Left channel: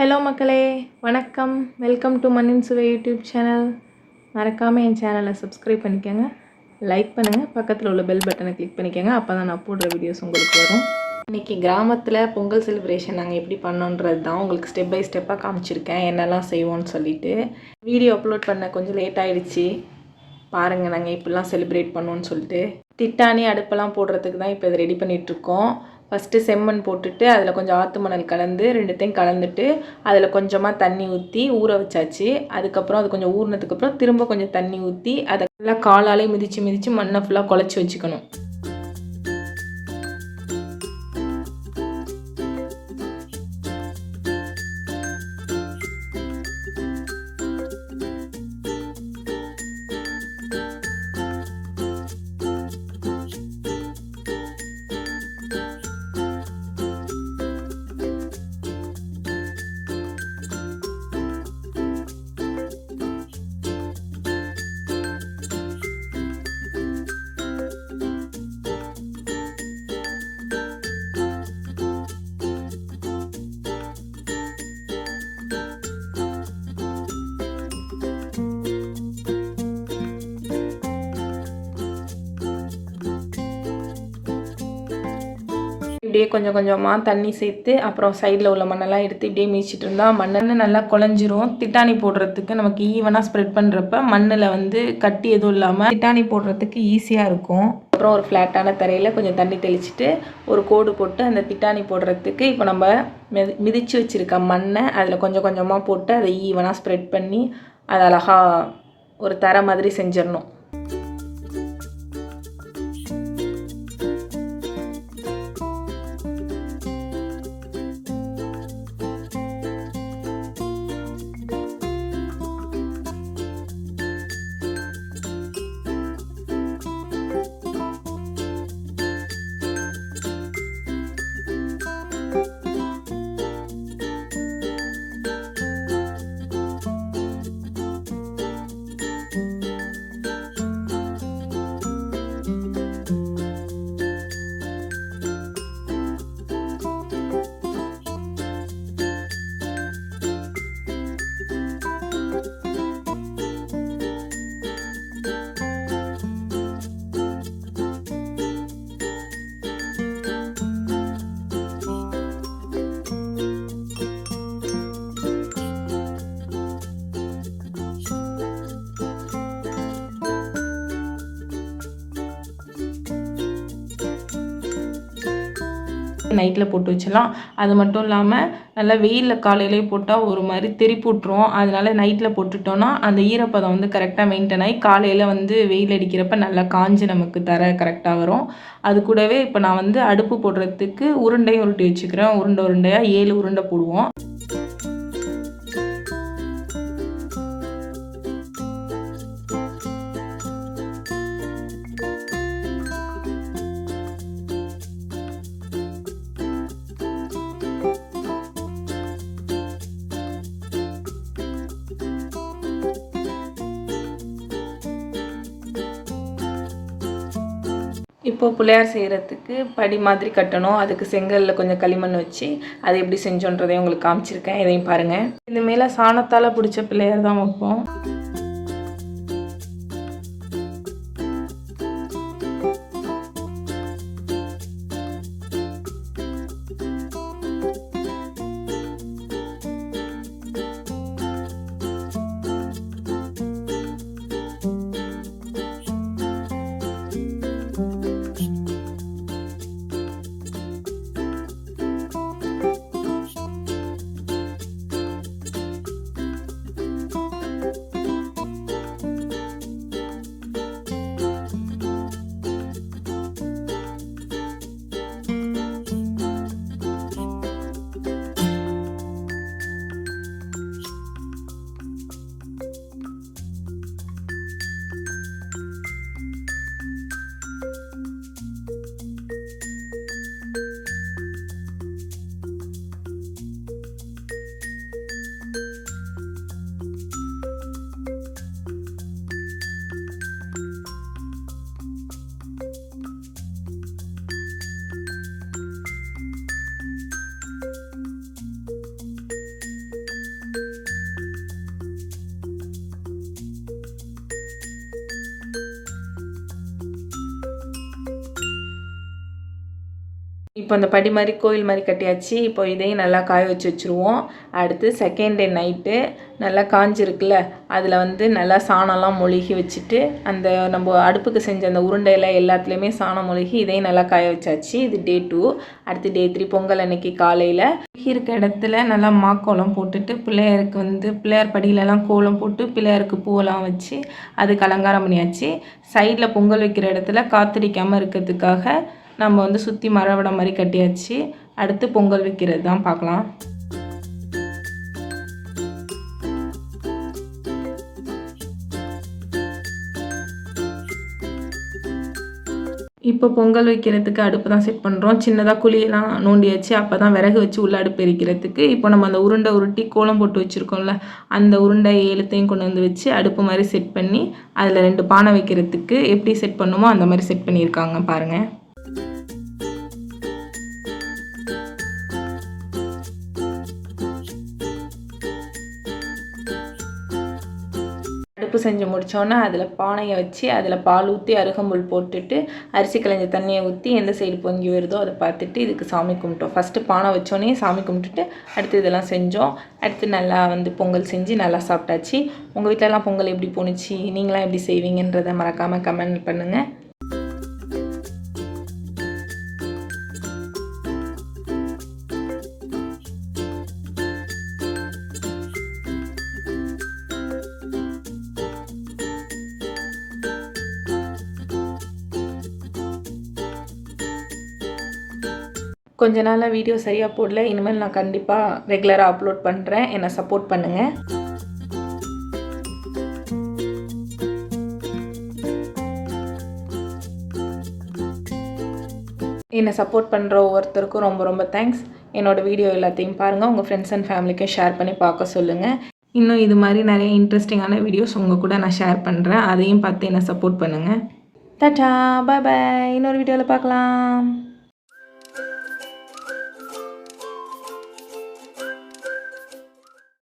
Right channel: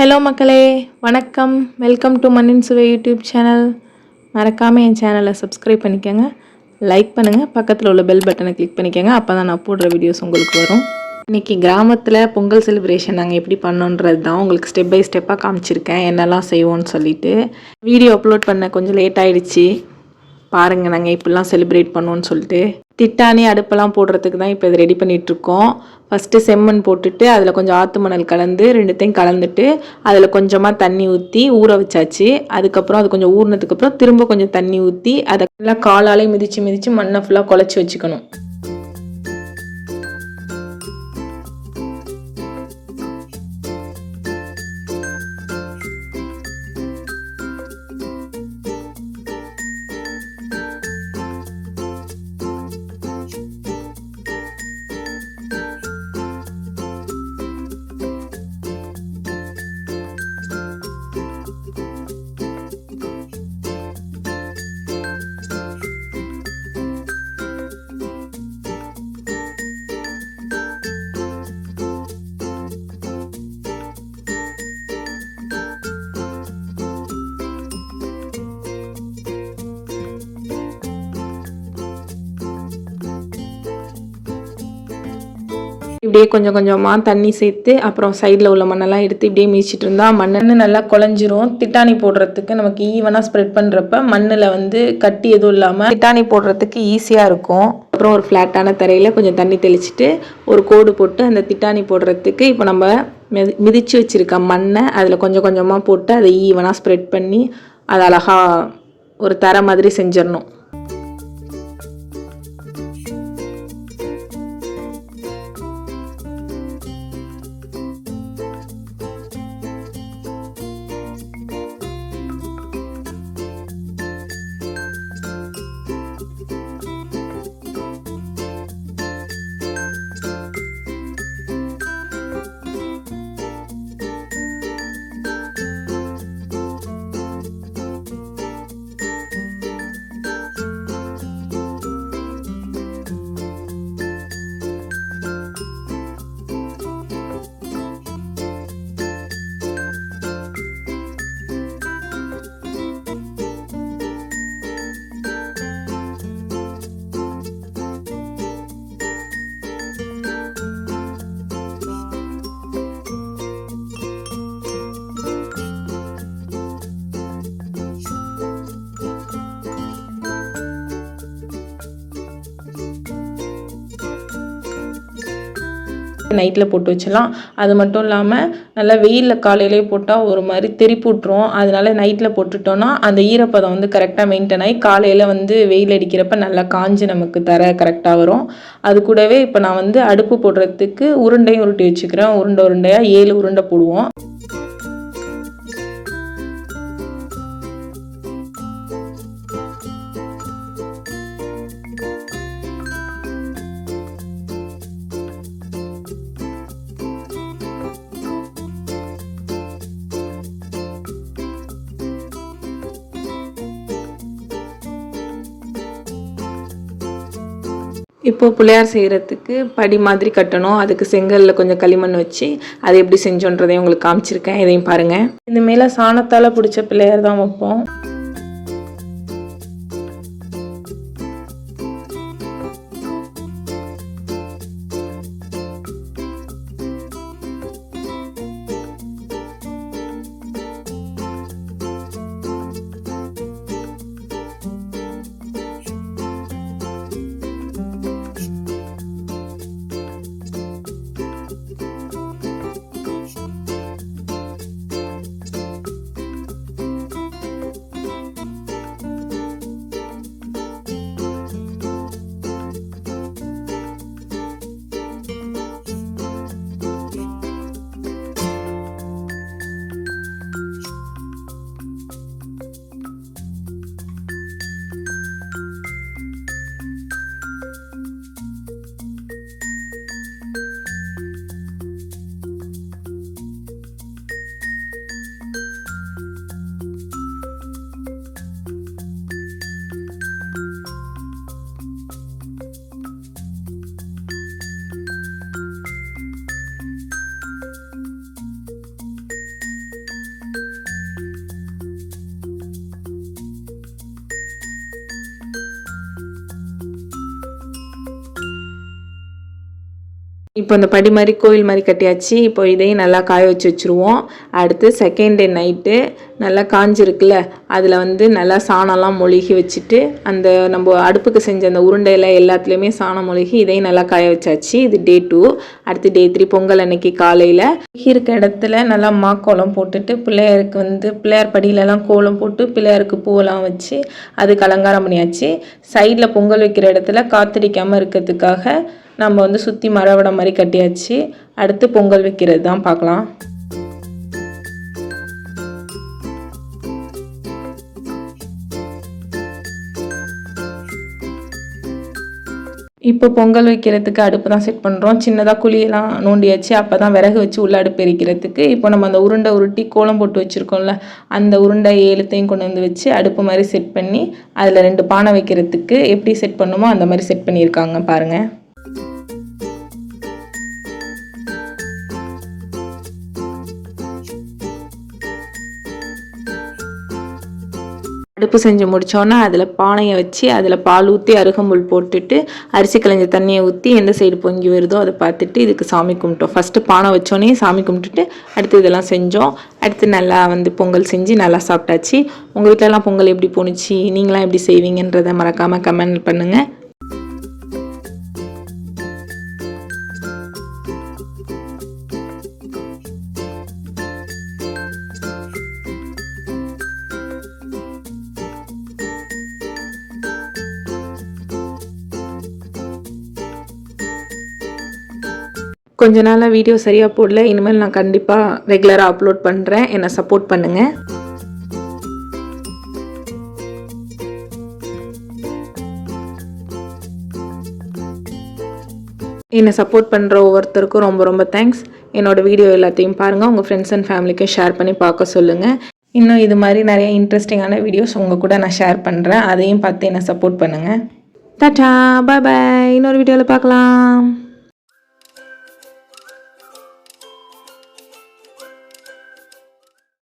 Hello மக்களே, வணக்கம். Welcome to மண்ணின் சுவை யூடியூப் சேனல். மறக்காமல் என் சேனலை சப்ஸ்கிரைப் பண்ணிக்கோங்க, லைக் பண்ணுங்கள், பக்கத்தில் உள்ள பெல் பட்டனை கிளிக் பண்ணிக்கோங்க. அப்போ தான் நான் போடுற வீடியோஸ் உங்களுக்கு வரும். இன்றைக்கி கிராமத்தில் பொங்கல் செலிப்ரேஷன் நாங்கள் எப்படி பண்ணோன்றது தான் உங்களுக்கு ஸ்டெப் பை ஸ்டெப்பாக காமிச்சிருக்கேன். என்னெல்லாம் செய்வோன்னு சொல்லிவிட்டு வீடியோ அப்லோட் பண்ண கொஞ்சம் லேட் ஆகிடுச்சு. பாருங்கள், நாங்கள் இப்படிலாம் செலிப்ரேட் பண்ணுவோன்னு சொல்லிட்டு திட்டானி அடுப்பெல்லாம் போடுறதுக்கு தான் இப்போ இதை ரெடி பண்ணிகிட்ருக்கோம். ஃபஸ்ட்டு செம்மண் போட்டுட்டு அதில் கொஞ்சம் ஆற்று மணல் கலந்து ரெண்டுத்தையும் கலந்துட்டு அதில் கொஞ்சமாக தண்ணி ஊற்றி ஊற வச்சாச்சு. அதுக்கப்புறம் அது கொஞ்சம் ஊறினதுக்கப்புறம் திரும்ப கொஞ்சம் தண்ணி ஊற்றி அதை எல்லாம் காலாலே மிதித்து மண்ணை ஃபுல்லாக குழச்சி வச்சுக்கணும். இப்படியே கொஞ்சம் கொஞ்சமாக தண்ணி சேர்த்து அப்புறம் சைடில் உள்ள மண்ணெல்லாம் எடுத்து இப்படியே மிதிச்சிட்டு இருந்தால் மண்ணு நல்லா குழஞ்சிரும். திட்டாணி போடுறதுக்கு நமக்கு ஈவனாக ஸ்ப்ரெட் பண்ணுறப்ப மண்ணில் வந்து கட்டி எதுவும் இல்லாமல் திட்டாணி போடுறதுக்கு ஈஸியாக இருக்கும். அப்புறம் ஒரு ஃப்ளாட்டான தரையில் கொஞ்சம் தண்ணி தெளிச்சுட்டு ஒரு கோடு போட்டு அந்த திட்டாணி போடுறதுக்கு இப்போ நம்ம மிதித்து வச்சுருக்க மண்ணை அதில் கொஞ்சம் கொஞ்சமாக போட்டு அதை ஈவனாக ஸ்ப்ரெட் பண்ணி அதை அழகாக ஒரு தரை மாதிரி செஞ்சிடணும். நைட்டில் போட்டு வச்சிடலாம். அது மட்டும் இல்லாமல் நல்லா வெயிலில் காலையிலே போட்டால் ஒரு மாதிரி தெறிப்பு விட்டுரும். அதனால நைட்டில் போட்டுட்டோன்னா அந்த ஈரப்பதம் வந்து கரெக்டாக மெயின்டைன் ஆகி காலையில் வந்து வெயில் அடிக்கிறப்ப நல்லா காஞ்சி நமக்கு தர கரெக்டாக வரும். அது கூடவே இப்போ நான் வந்து அடுப்பு போடுறதுக்கு உருண்டையும் உருட்டி வச்சுக்கிறேன். உருண்டையாக 7 உருண்டை போடுவோம். இப்போது பிள்ளையார் செய்கிறதுக்கு படி மாதிரி கட்டணும். அதுக்கு செங்கலில் கொஞ்சம் களிமண் வச்சு அதை எப்படி செஞ்சோன்றதையும் உங்களுக்கு காமிச்சிருக்கேன். இதையும் பாருங்கள். இந்த மேலே சாணத்தால் பிடிச்ச பிள்ளையார் தான் வைப்போம். இப்போ இந்த படி மாதிரி கோவில் மாதிரி கட்டியாச்சு. இப்போ இதையும் நல்லா காய வச்சுருவோம். அடுத்து செகண்ட் டே நைட்டு நல்லா காஞ்சிருக்குல்ல, அதில் வந்து நல்லா சாணம்லாம் மொழுகி வச்சுட்டு அந்த நம்ம அடுப்புக்கு செஞ்ச அந்த உருண்டையில் எல்லாத்துலேயுமே சாணம் மொழுகி இதையும் நல்லா காய வச்சாச்சு. இது டே 2. அடுத்து டே 3 பொங்கல் அன்னைக்கு காலையில் இருக்க இடத்துல நல்லா மாக்கோலம் போட்டுட்டு பிள்ளையாருக்கு வந்து பிள்ளையார் படியிலலாம் கோலம் போட்டு பிள்ளையாருக்கு பூவெல்லாம் வச்சு அதுக்கு அலங்காரம் பண்ணியாச்சு. சைடில் பொங்கல் வைக்கிற இடத்துல காத்தடிக்காமல் இருக்கிறதுக்காக நம்ம வந்து சுற்றி மரவடை மாதிரி கட்டியாச்சு. அடுத்து பொங்கல் வைக்கிறது தான் பார்க்கலாம். இப்போ பொங்கல் வைக்கிறதுக்கு அடுப்பு தான் செட் பண்ணுறோம். சின்னதாக குழியெல்லாம் நோண்டியாச்சு. அப்போ தான் விறகு வச்சு உள்ள அடுப்பு எரிக்கிறதுக்கு. இப்போ நம்ம அந்த உருண்டை உருட்டி கோலம் போட்டு வச்சுருக்கோம்ல, அந்த உருண்டை 7த்தையும் கொண்டு வந்து வச்சு அடுப்பு மாதிரி செட் பண்ணி அதில் 2 பானை வைக்கிறதுக்கு எப்படி செட் பண்ணுமோ அந்த மாதிரி செட் பண்ணியிருக்காங்க பாருங்கள். அடுப்பு செஞ்சு முடித்தோன்னே அதில் பானையை வச்சு அதில் பால் ஊற்றி அருகம்புல் போட்டுட்டு அரிசி களைஞ்ச தண்ணியை ஊற்றி எந்த சைடு பொங்கி வருதோ அதை பார்த்துட்டு இதுக்கு சாமி கும்பிட்டோம். ஃபஸ்ட்டு பானை வச்சோன்னே சாமி கும்பிட்டுட்டு அடுத்து இதெல்லாம் செஞ்சோம். அடுத்து நல்லா வந்து பொங்கல் செஞ்சு நல்லா சாப்பிட்டாச்சு. உங்கள் வீட்டிலலாம் பொங்கல் எப்படி போணுச்சு, நீங்களாம் எப்படி செய்வீங்கன்றதை மறக்காமல் கமெண்ட் பண்ணுங்கள். கொஞ்ச நாளாக வீடியோ சரியாக போடல. இனிமேல் நான் கண்டிப்பாக ரெகுலராக அப்லோட் பண்ணுறேன். என்னை சப்போர்ட் பண்ணுங்கள். என்னை சப்போர்ட் பண்ணுற ஒவ்வொருத்தருக்கும் ரொம்ப ரொம்ப தேங்க்ஸ். என்னோடய வீடியோ எல்லாத்தையும் பாருங்கள். உங்கள் ஃப்ரெண்ட்ஸ் அண்ட் ஃபேமிலிக்கும் ஷேர் பண்ணி பார்க்க சொல்லுங்கள். இன்னும் இது மாதிரி நிறைய இன்ட்ரெஸ்டிங்கான வீடியோஸ் உங்கள் கூட நான் ஷேர் பண்ணுறேன். அதையும் பார்த்து என்னை சப்போர்ட் பண்ணுங்கள். டாடா, பாய் பாய். இன்னொரு வீடியோவில் பார்க்கலாம்.